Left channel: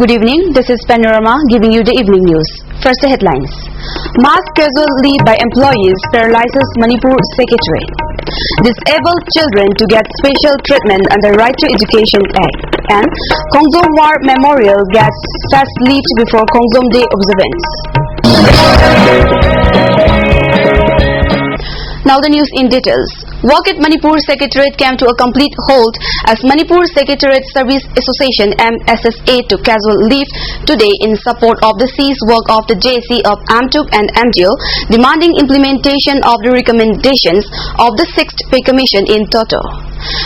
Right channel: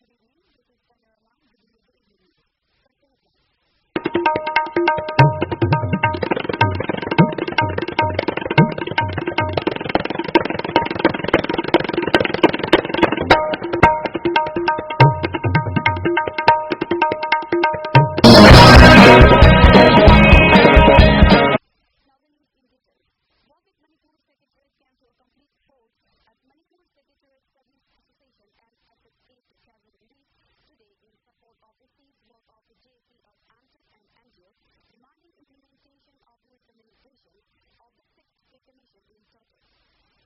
Good evening, this is Panorama giving you the evening news. First, the headlines. Mass casual leave by employees paralyzes Manipur Secretariat. Disabled children to get special treatment under Right to Education Act. And Khongzom War Memorial gets fast lift before Khongzom Day observance. Now the news in details. Work at Manipur Secretariat came to a complete halt as Manipur Secretariat Service Association MSSA took casual leave today in support of the ceased work of the JC of AMTUK and MDO, demanding implementation of the recommendations of the 6th Pay Commission in Toto.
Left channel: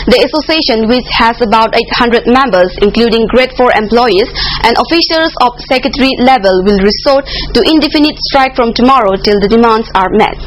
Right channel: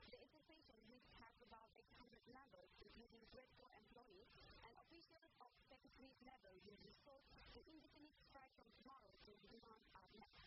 The association, which has about 800 members including grade 4 employees and officials of secretary level, will resort to indefinite strike from tomorrow till the demands are met.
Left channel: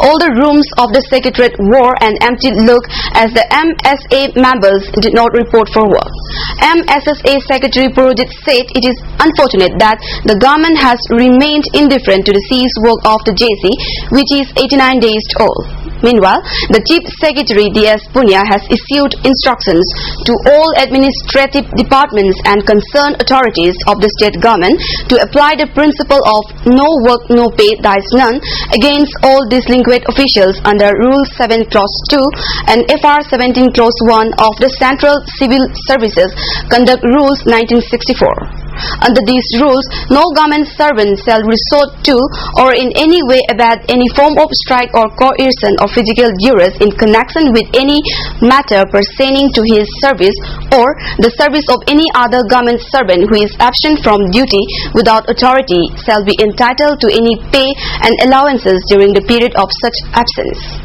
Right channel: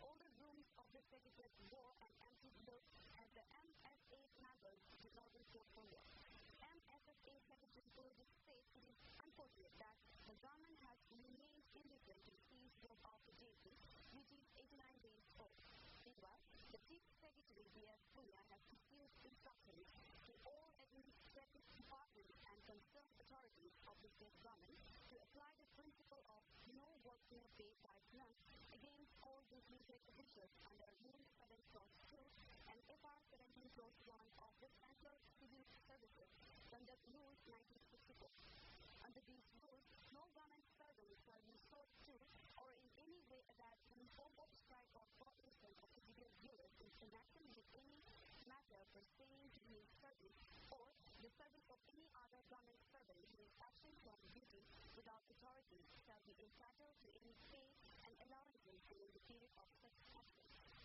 All the rooms of the Secretariat wore an empty look as the MSA members did not report for work. MSSA Secretary Purojit said it is unfortunate that the government has remained indifferent to the ceased work of the JC, which is 89 days old. Meanwhile, the Chief Secretary D.S. Punya has issued instructions to all administrative departments and concerned authorities of the state government to apply the principle of no work, no pay, dies none against all delinquent officials under Rule 7 Clause 2 and FR 17 Clause 1 of the Central Civil Services Conduct Rules 1964. Under these rules, no government servant shall resort to or in any way abet any form of strike or coercion or physical duress in connection with any matter pertaining to his service or the service of any other government servant who is absent from duty without authority shall be entitled to any pay and allowances during the period of such absence.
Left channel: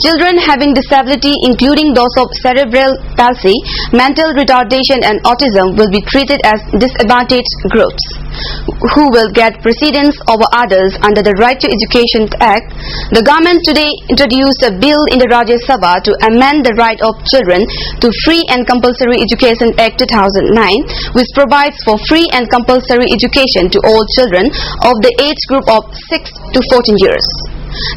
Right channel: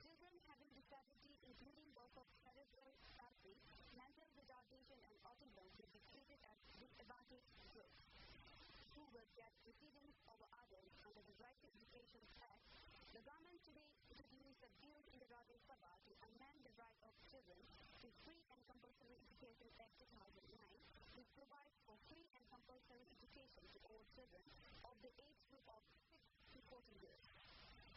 Children having disability, including those of cerebral palsy, mental retardation and autism, will be treated as disadvantaged groups who will get precedence over others under the Right to Education Act. The government today introduced a bill in the Rajya Sabha to amend the Right of Children to Free and Compulsory Education Act 2009, which provides for free and compulsory education to all children of the age group of 6 to 14 years.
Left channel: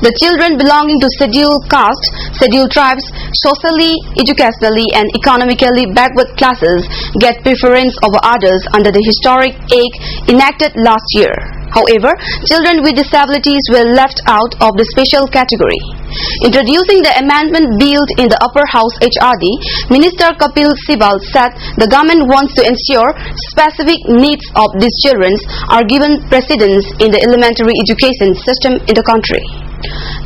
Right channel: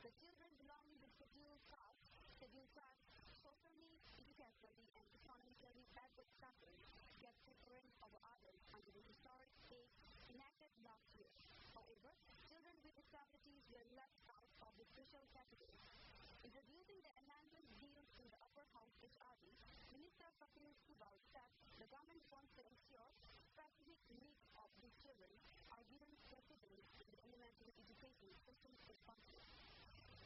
The children belonging to scheduled caste, scheduled tribes, socially, educationally and economically backward classes get preference over others under the historic act enacted last year. However, children with disabilities were left out of the special category. Introducing the amendment bill in the upper house HRD, Minister Kapil Sibal said the government wants to ensure specific needs of these children are given precedence in the elementary education system in the country.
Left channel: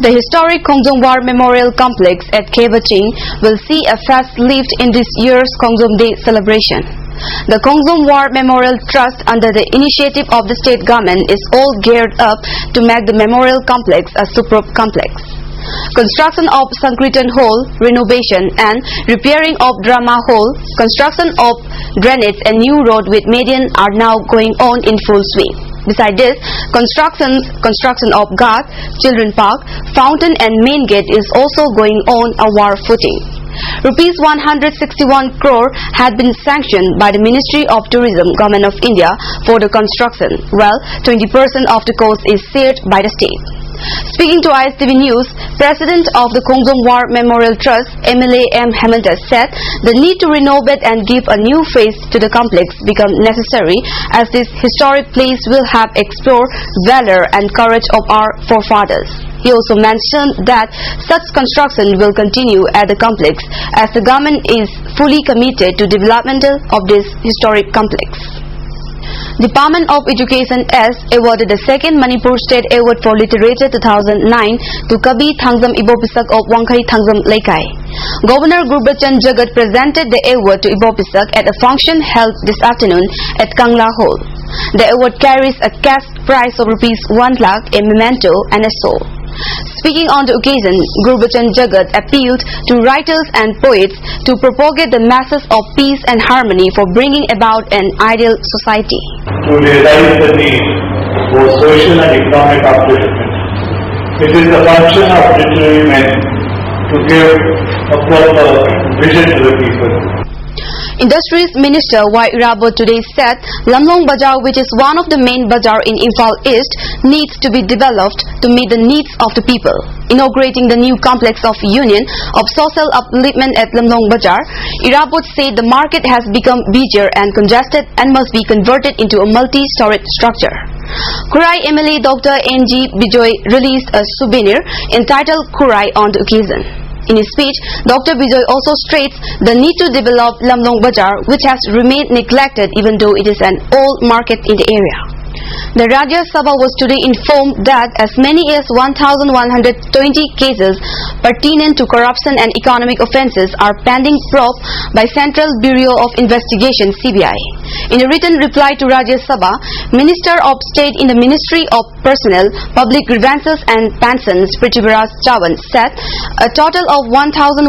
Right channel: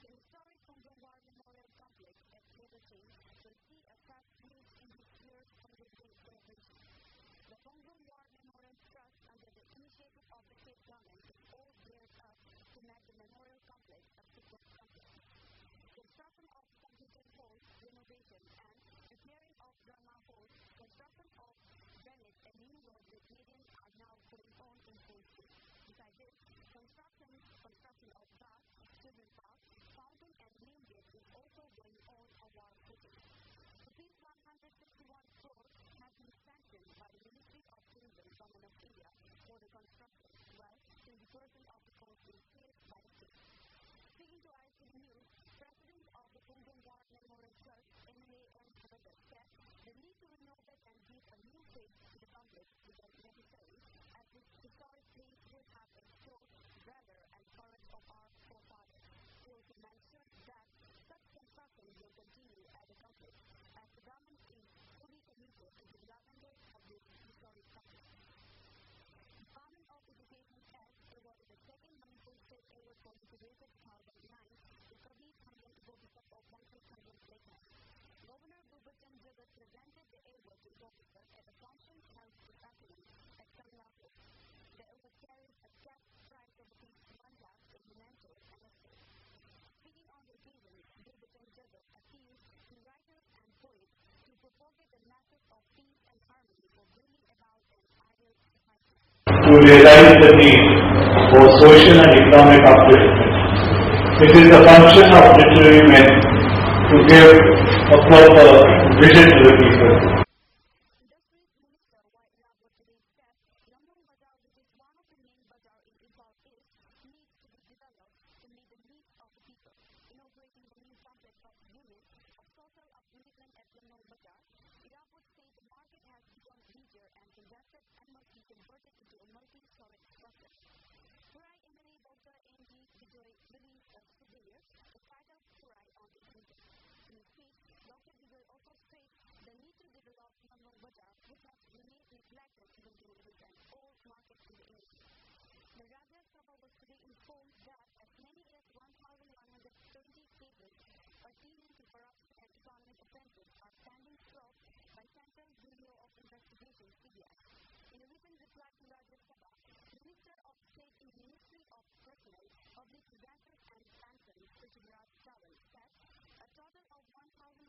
The historic Khongzom War Memorial Complex at Khebaching will see a fast lift in this year's Khongzom Day celebration. The Khongzom War Memorial Trust, under the initiative of the state government, is all geared up to make the memorial complex a superb complex. Construction of Sankirtan Hall, renovation and repairing of Drama Hall, construction of drainage and new road with median are now going on in full swing. Besides this, construction of Ghat, Children Park, Fountain and Main Gate is also going on a war footing. Rupees 161 crore had been sanctioned by the Ministry of Tourism, Government of India for the construction, while 20% of the cost is shared by the state. Speaking to ISTV News, President of the Khongzom War Memorial Trust, MLA M. Hemanta, said the need to renovate and give a new face to the complex become necessary as this historic place will have explored valor and courage of our forefathers. He also mentioned that such construction will continue at the complex as the government is fully committed to development of this historic complex. Department of Education S awarded the second Manipur State Award for Literature 2009 to Kabi Thangzam Ibopisak of Wangkhai Thangzam Laikai. Governor Gurbachan Jagat presented the award to Ibopisak at a function held this afternoon at Kangla Hall. The award carries a cash prize of Rs 1 lakh, a memento and a soul. Speaking on the occasion, Gurbachan Jagat appealed to writers and poets to propagate the masses of peace and harmony for bringing about an ideal society. To realize the need for social and economic upliftment, it is the function of literary men to give a proper vision to the people. Industries Minister Y. Irabot today said Lamlong Bazaar, which is one of the main bazaar in Imphal East, needs to be developed to meet the needs of the people. Inaugurating the new complex of Union of Social Upliftment at Lamlong Bazaar, Irabot said the market has become busier and congested and must be converted into a multi-storage structure. Kurai MLA Dr. N.G. Bijoy released a souvenir entitled Kurai on the occasion. In his speech, Dr. Bijoy also states the need to develop Lamlong Bazaar, which has remained neglected even though it is an old market in the area. The Rajya Sabha was today informed that as many as 1,120 cases pertinent to corruption and economic offences are pending probe by Central Bureau of Investigation (CBI). In a written reply to Rajya Sabha, Minister of State in the Ministry of Personnel, Public Grievances and Pensions, Prithviraj Chavan, said a total of 1,120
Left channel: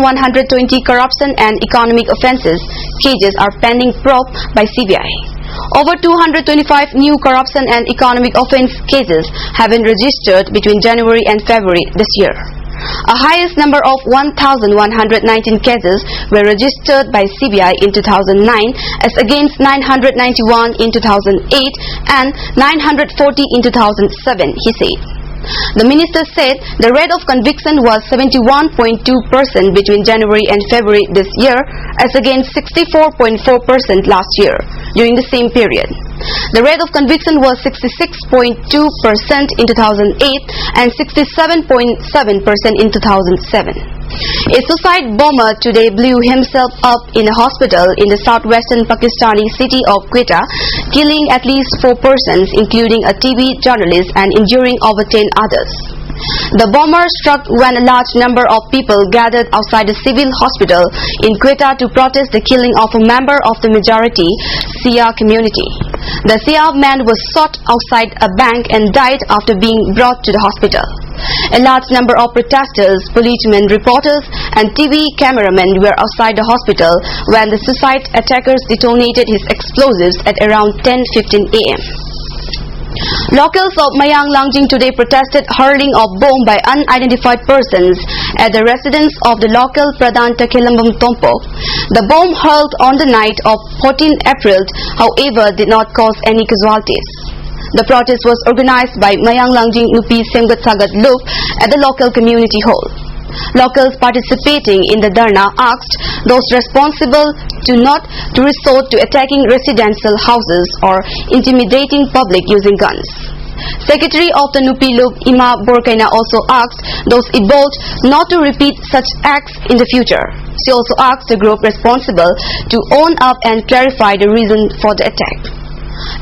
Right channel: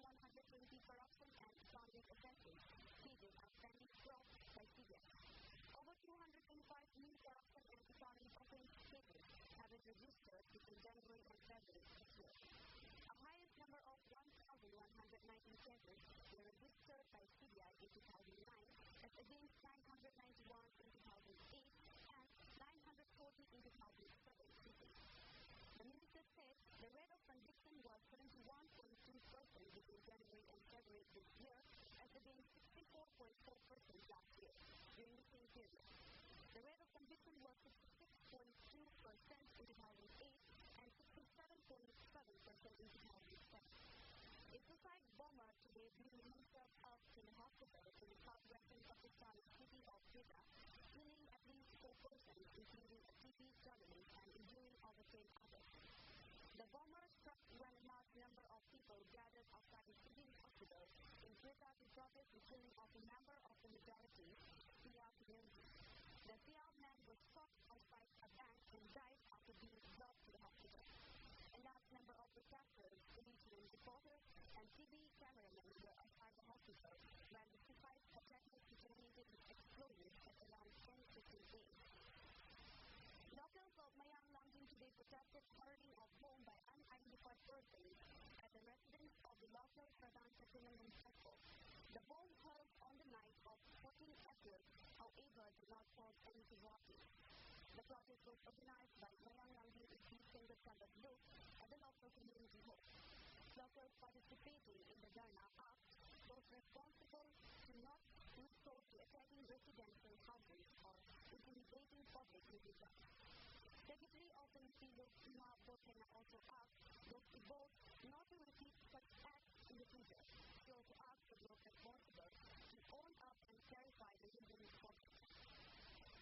corruption and economic offences cases are pending probe by CBI. Over 225 new corruption and economic offence cases have been registered between January and February this year. A highest number of 1,119 cases were registered by CBI in 2009 as against 991 in 2008 and 940 in 2007, he said. The minister said the rate of conviction was 71.2% between January and February this year as against 64.4% last year during the same period. The rate of conviction was 66.2% in 2008 and 67.7% in 2007. A suicide bomber today blew himself up in a hospital in the southwestern Pakistani city of Quetta, killing at least 4 persons, including a TV journalist, and injuring over 10 others. The bomber struck when a large number of people gathered outside a civil hospital in Quetta to protest the killing of a member of the majority Shia community. The Shia man was shot outside a bank and died after being brought to the hospital. A large number of protesters, policemen, reporters and TV cameramen were outside the hospital when the suicide attackers detonated his explosives at around 10:15 a.m. Locals of Mayang Langjing today protested hurling of bomb by unidentified persons at the residence of the local Pradhan Takilambam Tompo. The bomb hurled on the night of 14 April, however, did not cause any casualties. The protest was organized by Mayang Langjing Nupi Semgat Sagat Loop at the local community hall. Locals participating in the Dharna asked those responsible not to resort to attacking residential houses or intimidating public using guns. Secretary of the Nupi Loop, Ima Borkaina, also asked those involved not to repeat such acts in the future. She also asked the group responsible to own up and clarify the reason for the attack.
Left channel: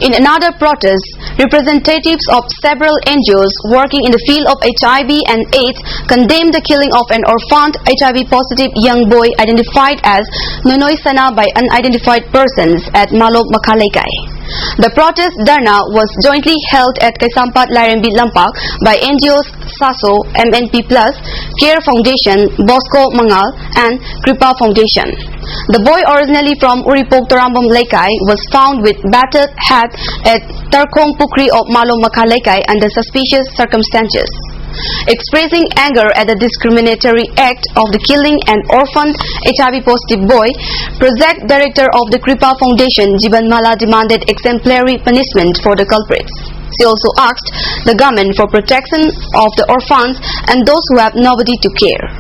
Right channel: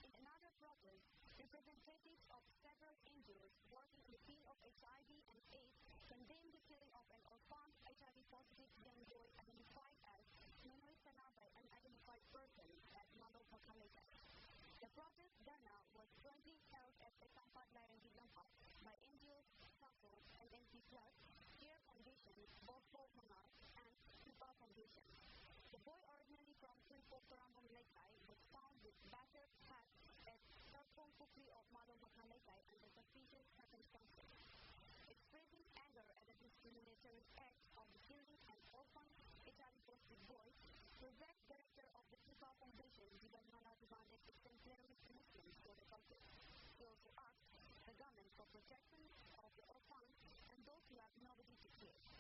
In another protest, representatives of several NGOs working in the field of HIV and AIDS condemned the killing of an orphaned HIV-positive young boy identified as Nonoy Sana by unidentified persons at Malop Makhalaikai. The protest Dharna was jointly held at Kaisampat Lairembi Lampak by NGOs SASO, MNP Plus, Care Foundation, Bosco Mangal and Kripa Foundation. The boy, originally from Uripok Torambam Laikai, was found with battered head at Tarkong Pukri of Malom Makhalaikai under suspicious circumstances. Expressing anger at the discriminatory act of the killing an orphaned HIV-positive boy, Project Director of the Kripa Foundation, Jiban Mala, demanded exemplary punishment for the culprits. She also asked the government for protection of the orphans and those who have nobody to care.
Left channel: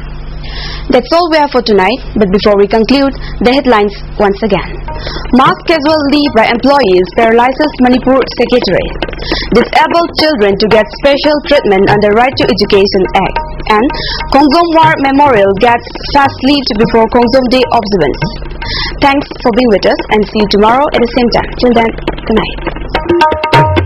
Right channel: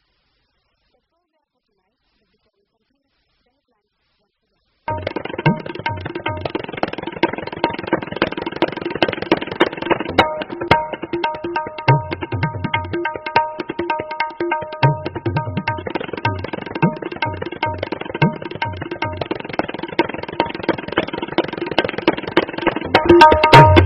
That's all we have for tonight, but before we conclude, the headlines once again. Mass casual leave by employees paralyzes Manipur Secretariat. Disabled children to get special treatment under Right to Education Act. And Kongzom War Memorial gets fast-lived before Kongzom Day observance. Thanks for being with us and see you tomorrow at the same time. Till then, good night.